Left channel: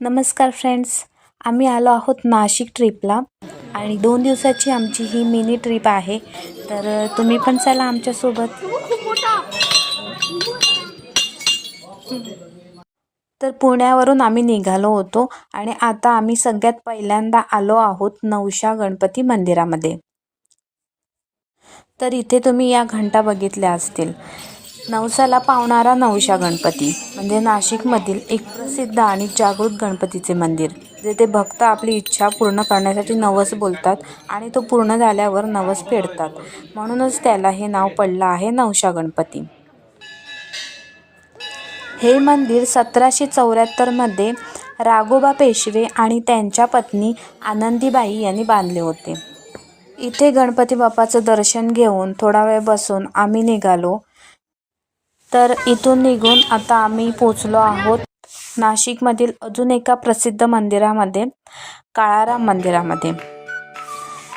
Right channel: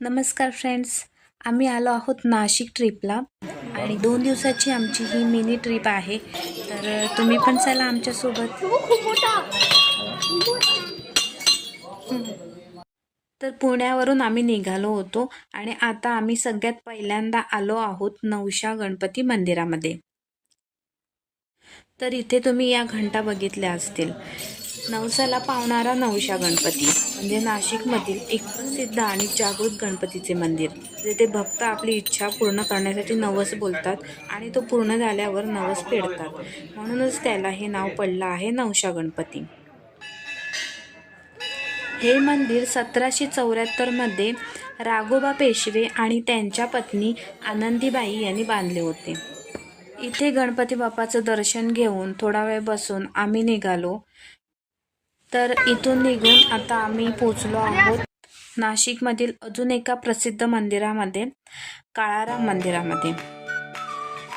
नमस्कार फ्रेंड्स आम्ही आलो आहोत नाशिक ट्रिपला आणि दोन दिवसाची आमची ही मिनी ट्रिप आहे. तर तुम्ही पण चला आमच्यासोबत तर पुण्यावरून आम्ही निघालो होतो आणि आता आम्ही सगळ्यात पहिल्यांदा आलो आहोत नवशा गणपती मंदिरामध्ये. तर इथे तुम्ही या घंटा बघितल्या असतील. नवसाला पावणारा नवशा गणपती म्हणजे नाशिकमधील एक प्रसिद्ध आणि जागृत गणपतीचे मंदिर जेथे भक्त आपली इच्छा पूर्ण करण्यासाठी नवस बोलतात आणि तो पूर्ण झाल्यावर नवस फेडतात. म्हणूनच त्याला हे नाव पडलं आहे नवशा गणपती. हे मंदिर सतराशे चौऱ्याहत्तरमध्ये राघोबा पेशवे आणि त्यांच्या पत्नी आनंदीबाई यांनी बांधले होते. इथे गणपती बाप्पाचं दर्शन घेऊन थोडा वेळ बसून आम्ही निघालो. तर इथून निघून आता आम्ही पोचलो आहोत नाशिकमधील अजून एका प्रसिद्ध मंदिरामध्ये काळाराम मंदिरामध्ये.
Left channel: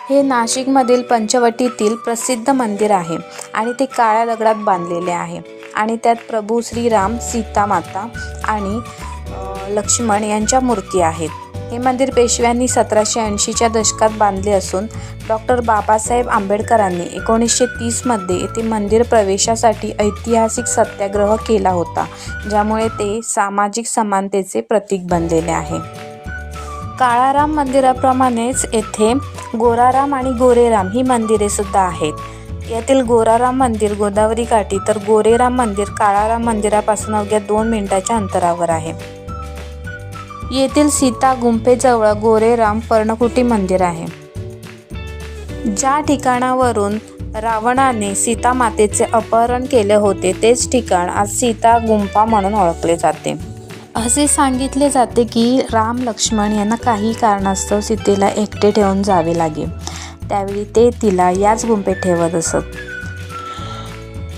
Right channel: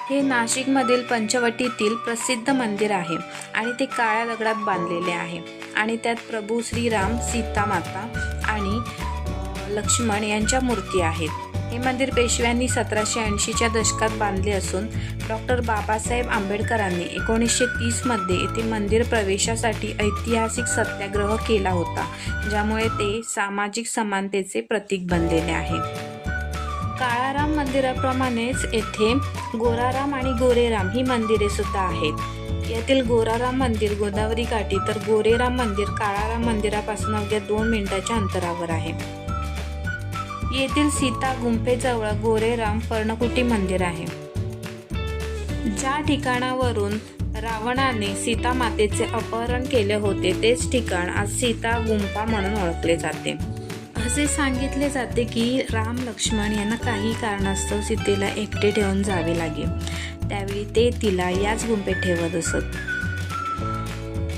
हे नाशिकमधील पंचवटीतील प्रसिद्ध मंदिर आहे आणि ते काळ्या दगडात बांधलेले आहे. आणि त्यात प्रभू श्रीराम सीतामाता आणि लक्ष्मण यांच्या मूर्ती आहेत. हे मंदिर पेशव्यांनी सतराशे ऐंशीच्या दशकात बांधले असून डॉक्टर बाबासाहेब आंबेडकरांनी एकोणीसशे तीसमध्ये येथे मंदिर प्रवेशासाठी ऐतिहासिक सत्याग्रह केला होता ज्यामुळे ते सामाजिक समानतेचे प्रतीक बनलेले आहे. काळाराम मंदिराप्रमाणेच येथे गोराराम आणि गोरेराम ही मंदिरे सुद्धा आहेत. यातील गोराराम मंदिर गोदावरी काठी तर गोरेराम मंदिर काळाराम मंदिरापासून अवघ्या दोन मिनिटाच्या अंतरावर आहे. येथील सीता गुंफेजवळ गोरेराम पर्णकुटी मंदिर आहे. ज्या ठिकाणावरून रावणाने सीता मातेचे अपहरण केले होते तेच ठिकाण आज सीता गुंफा म्हणून ओळखले जाते. असे सांगितले जाते की राम लक्ष्मण यांना काही कारणास्तव सीतेला एकटे ठेवून जावे लागे. त्यावेळी ते तिला याच गुंफेत ठेवत असत.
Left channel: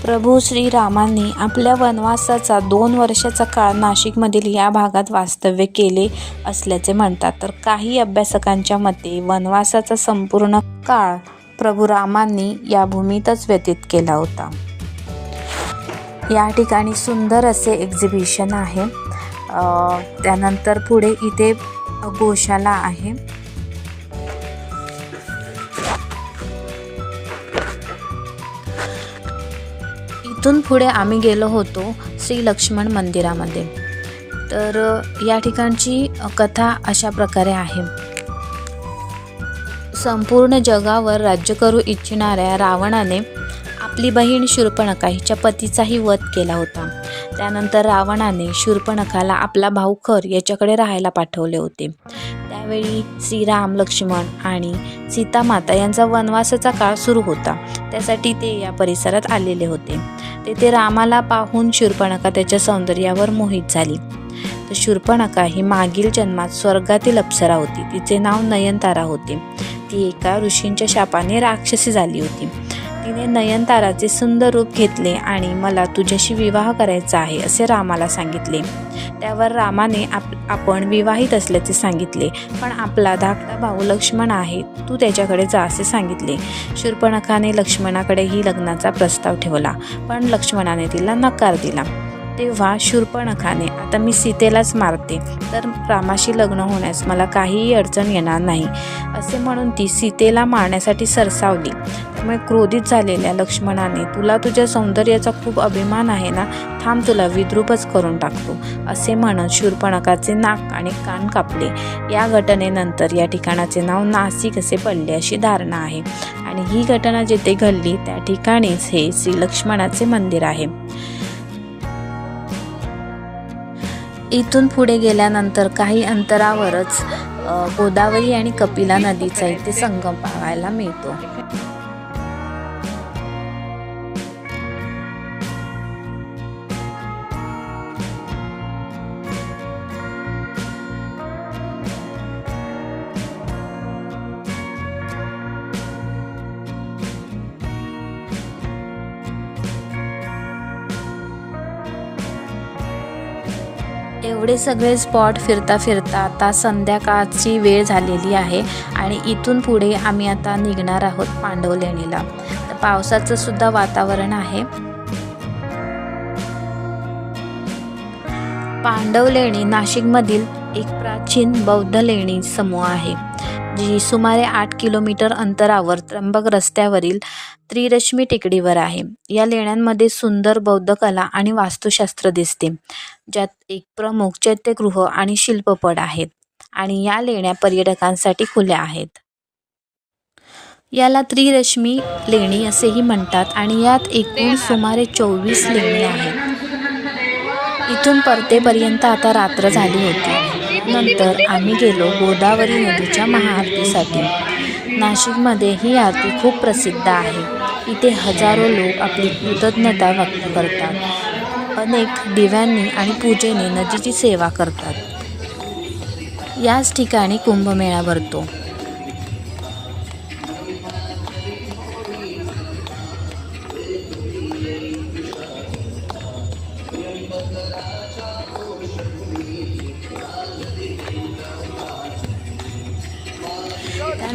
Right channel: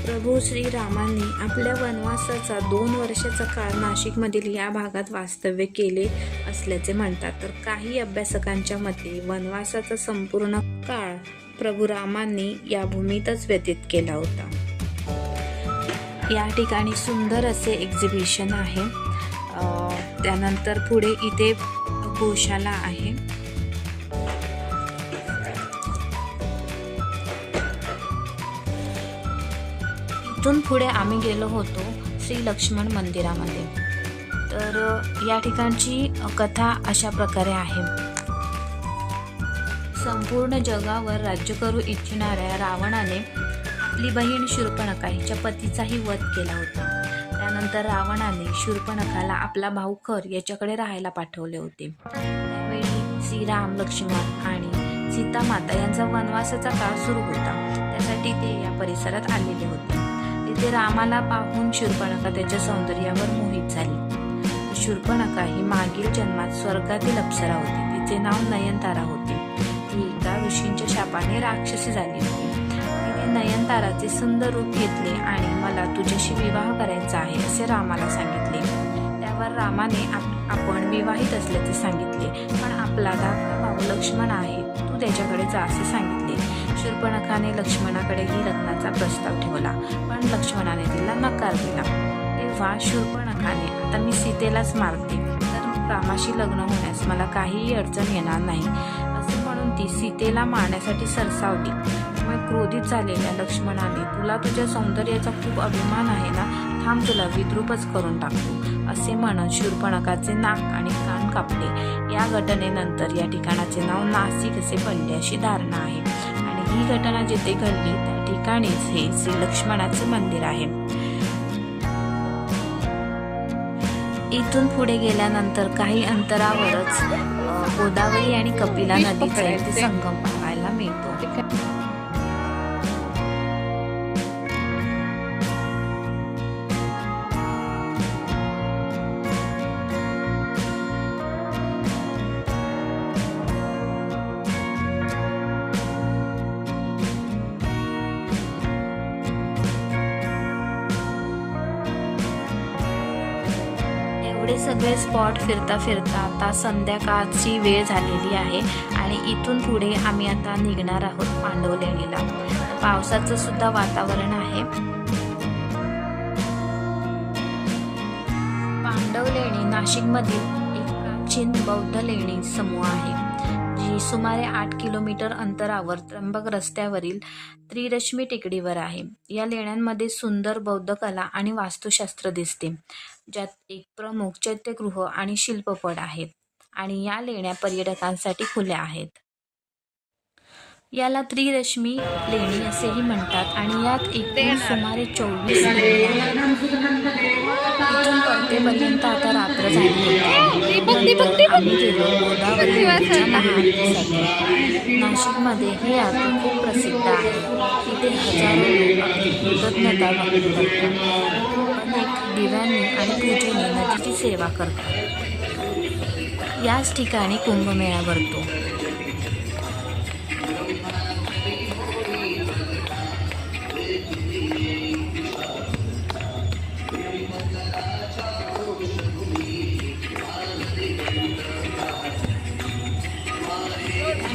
प्रभू श्रीरामांनी आपल्या वनवासाचा दोन वर्षाचा काळ नाशिकमधील या भागात वास्तव्य केले असल्याचे म्हणतात. तर काही अभ्यासकांच्या मते वनवासाचा संपूर्ण काळ प्रभू रामांनी या भूमीतच व्यतीत केला होता. या ठिकाणी सुंदर असे एक्झिबिशन आहे. त्यानंतर पुढे इथे गोशाला आहे. तिथून पुढे आम्ही गेलो होतो श्री लक्ष्मण मंदिरामध्ये. तर या ठिकाणची कथा अशा प्रकारे आहे. संपूर्ण जगावर राज्य करू इच्छिणाऱ्या रावणाने आपली बहीण शूर्पणखा हिच्या पतीचाही वध केला होता. त्यानंतर रावणाने शूर्पणखाला आपला भाऊ खर याच्याकडे राहायला पाठवले होते. त्यावेळी श्रीराम लक्ष्मण आणि सीतामाता यांचा वनवासाचा काळ सुरू होता. त्यासाठी ते या परिसरात आलेले होते. तेथे रामाला पाहून शूर्पणखा त्याच्या सौंदर्यावर मोहित झाली. तर शूर्पणखा ही मागील जन्मात स्वर्गातील अप्सरा होती. तिचे नाव नयनतारा होते. ती एका ऋषींच्या शापाने राक्षसी झाली होती. तिने नयनताराचे सुंदर रूप घेतले आणि मला तुझ्याशी विवाह करायचा आहे असे रामाला सांगितले. त्यावर रामाने आप आपण विवाहित असल्याचे सांगितले. पण आपला धाकटा भाऊ लक्ष्मण आहे तू त्याच्याकडे जा असे सांगितले. शूर्पणखाने लक्ष्मणाकडेही लग्नाचा प्रस्ताव ठेवला पण लक्ष्मणाने तिला नकार दिला. तेव्हा शूर्पणखाने आता मी सीतेलाच मारते तर रामाशी लग्न होण्यास मला काहीही अडचण येणार नाही. असे म्हणून ती सीतेला मारण्यासाठी सरसावली. त्यामुळे क्रोधित झालेल्या लक्ष्मणाने तुला तुझ्या सौंदर्याचा खूप अभिमान आहे ना? थांब तुला विद्रूपच करून टाकतो असे म्हणत शूरपणकाचे नाक आणि कान कापले. या घटनेनंतर या ठिकाणाचे नाव नाशिक असे पडले अशी धारणा आहे. आणि ही घटना जिथे घडली त्या ठिकाणीच हे श्री लक्ष्मणाचे मंदिर आहे. इथून पुढे गेल्यानंतर काही अंतरावरच गोदावरी आणि कपिला नदीचा इथे संगम पाहायला मिळतो. एवढे सगळे स्पॉट फिरता फिरता आता संध्याकाळची वेळ झालेली आहे आणि इथून पुढे आम्ही आता निघणार आहोत पांडव लेणीला. पावसाचं सुद्धा वातावरण आहे. पांडव लेणी नाशिकमधील एक प्राचीन बौद्ध लेणी समूह आहे. जी सुमारे आठ किलोमीटर अंतरावर त्र्यंबक रस्त्यावरील त्रिरश्मी टेकडीवर आहे. या लेण्यांमध्ये सुंदर बौद्ध कला आणि वास्तुशास्त्र दिसते ज्यात एक प्रमुख चैत्यगृह आणि शिल्पपट आहेत आणि या लेण्या पर्यटकांसाठी खुल्या आहेत. याला त्रिरश्मी लेणी असेही म्हणतात आणि यात एकूण सुमारे चोवीस लेणी आहेत. इथून परतेपर्यंत आता रात्र झाली होती. नंतर आम्ही गेलो गोदावरी नदीच्या महाआरतीसाठी. नाशिकमध्ये ही आरती खूप प्रसिद्ध आहे. इथे हजारो लोक आपली कृतज्ञता व्यक्त करतात. अनेक दिव्यांनी आणि पूजेने नदीची सेवा करतात. याच ठिकाणी कुंभमेळा भरतो.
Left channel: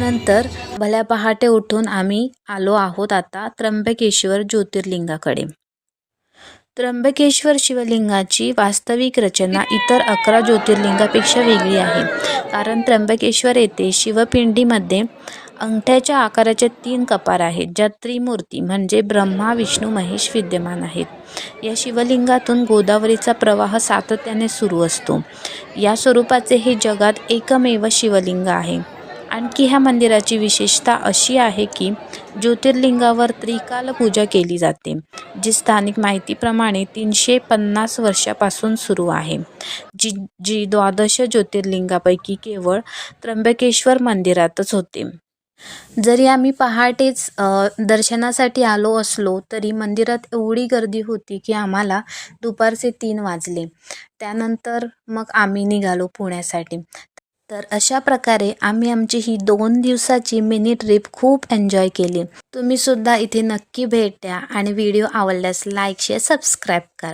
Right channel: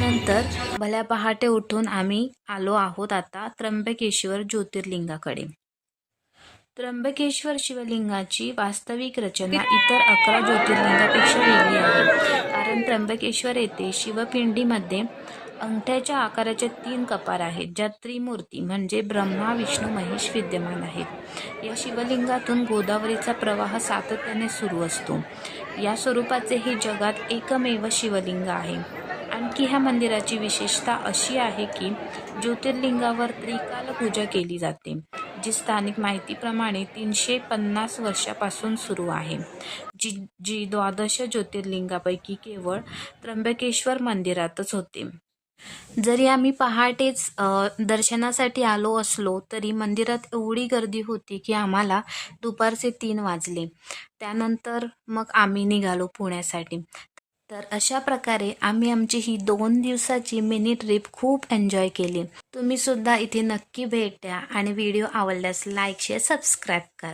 त्यानंतर भल्या पहाटे उठून आम्ही आलो आहोत आता त्र्यंबकेश्वर ज्योतिर्लिंगाकडे. त्र्यंबकेश्वर शिवलिंगाची वास्तविक रचना इतर अकरा ज्योतिर्लिंगापेक्षा वेगळी आहे. कारण त्र्यंबकेश्वर येथे शिवपिंडीमध्ये अंगठ्याच्या आकाराच्या तीन कपार आहेत ज्या त्रिमूर्ती म्हणजे ब्रह्मा विष्णू महेश विद्यमान आहेत. या शिवलिंगातून गोदावरीचा प्रवाह सातत्याने सुरू असतो. या स्वरूपाचे हे जगात एकमेव शिवलिंग आहे. आणखी ह्या मंदिराची विशेषता अशी आहे की ज्योतिर्लिंगावर त्रिकाल पूजा केली जाते जी स्थानिक माहितीप्रमाणे तीनशे पन्नास वर्षापासून सुरू आहे. जी जी द्वादश ज्योतिर्लिंगापैकी केवळ त्र्यंबकेश्वर मंदिरातच होते. जरी आम्ही पहाटेच दर्शनासाठी आलो असलो तरी मंदिरात एवढी गर्दी होती की आम्हाला दुपारचे तीन वाजले. त्यानंतर मग आम्ही निघालो पुण्यासाठी. तर अशा प्रकारे आम्ही आमची ही दोन दिवसाची मिनी ट्रिप खूप एन्जॉय केली. तुम्ही सुद्धा इथे नक्की भेट द्या आणि व्हिडिओ आवडल्यास लाईक शेअर सबस्क्राईब करा.